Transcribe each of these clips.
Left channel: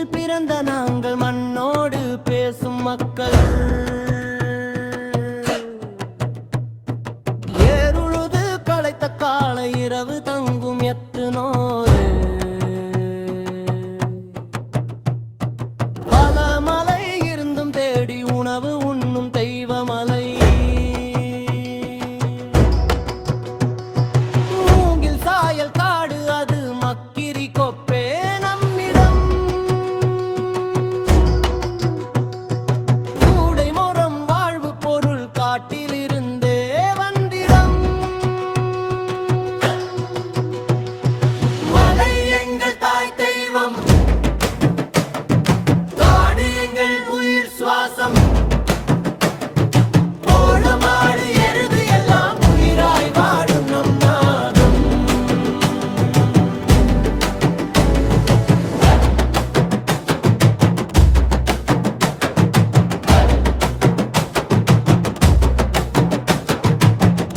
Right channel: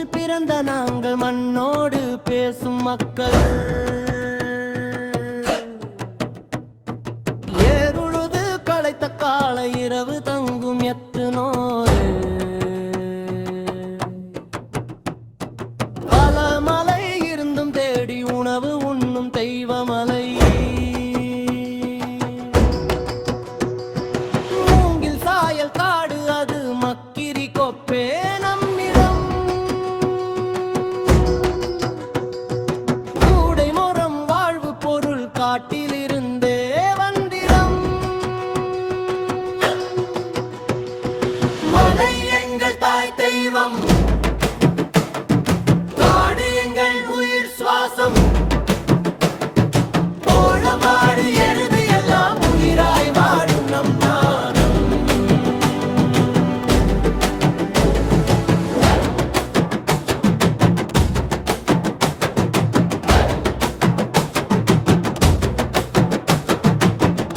பூமியில் பிறந்த நாங்கள் மண்ணோடு பேசும் மக்கள். ஏறுழுது களைத்த காலை இரவு தங்கும் எத்துனோரு. பல மலை இருந்தும் தேடி உணவு உண்ணும் தெய்வமலை. மூங்கில் சாயல் காடு அது மக்கிரி கொப்பே நம்மிடம். கூடை மரம் வாழ்வு பொருள் காட்டிலிருந்தே வந்திடம். மலை எங்கள் தாய் தெய்வம், காடு எங்கள் உயிர் சுவாசம். கோலமாடு எருது எல்லாம் உயிராய் வாழும் நம் நாதம்.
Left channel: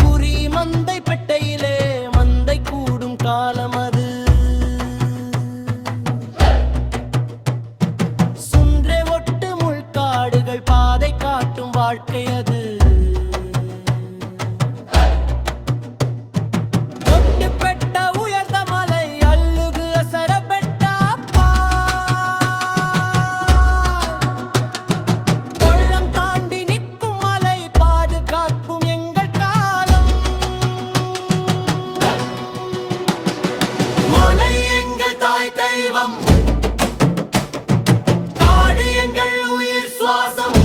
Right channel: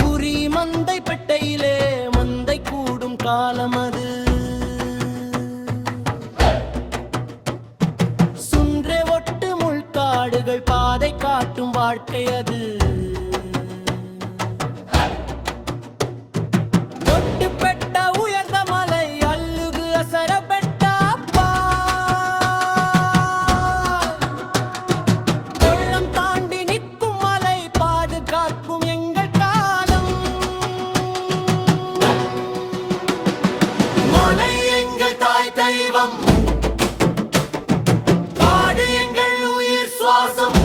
குறி மந்தை பெட்டையிலே மந்தை கூடும் காலம் அது. சுன்றே ஒட்டு முள்காடுகள் பாதை காட்டும் வாழ்க்கை அது. ஒட்டு பெட்ட உயர்ந்த மலை அள்ளுகு அசர பெட்ட கொள்ளம் தாண்டி நிற்கும் மலை பாதுகாக்கும் எங்கள் காலம். மலை எங்கள் தாய் தெய்வம், காடு எங்கள் உயிர் சுவாசம்.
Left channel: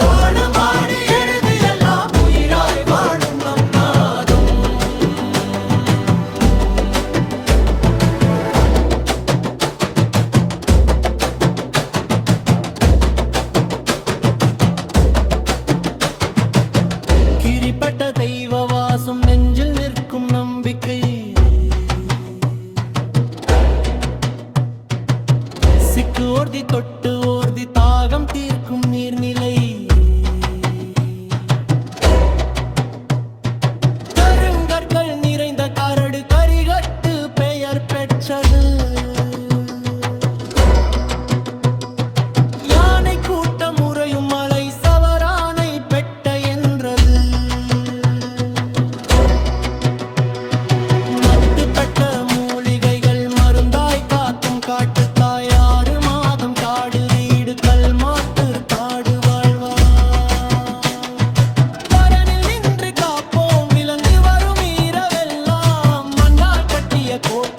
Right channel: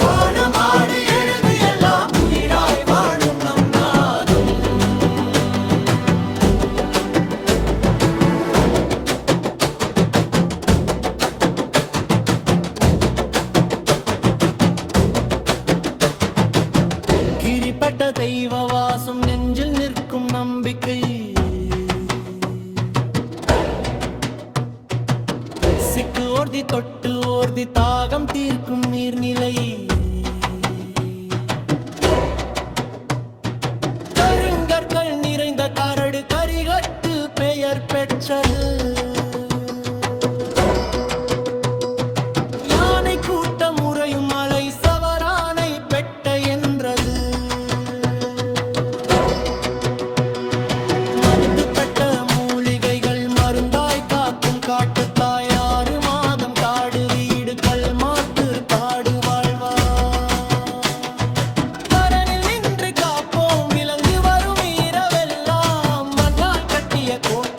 கோலமாடு எருது எல்லாம் உயிராய் வாழும் நம் நாதம். கிரிப்பட்ட தெய்வ வாசம் நெஞ்சில் நிற்கும் நம்பிக்கை. சிக்கு ஓர்தி தொட்டு ஓர்தி தாகம் தீர்க்கும் நீர்நிலை. கருங்கற்கள் நிறைந்த கரடு கரிகட்டு பெயர் பெற்றது. யானை கூட்டம் உறையும் மலை சவரானை பெட்ட என்றது. மத்து பெட்ட மூலிகைகள் மருந்தாய் காக்கும் காட்டுத்தாய். 6 மாதம் காடு வீடு கல் மாத்து காடு வாழ்வா. பரனில் நின்று காப்போம் விலங்கு வரும் இரவெல்லாம். மண்ணால் கட்டிய கோட்டை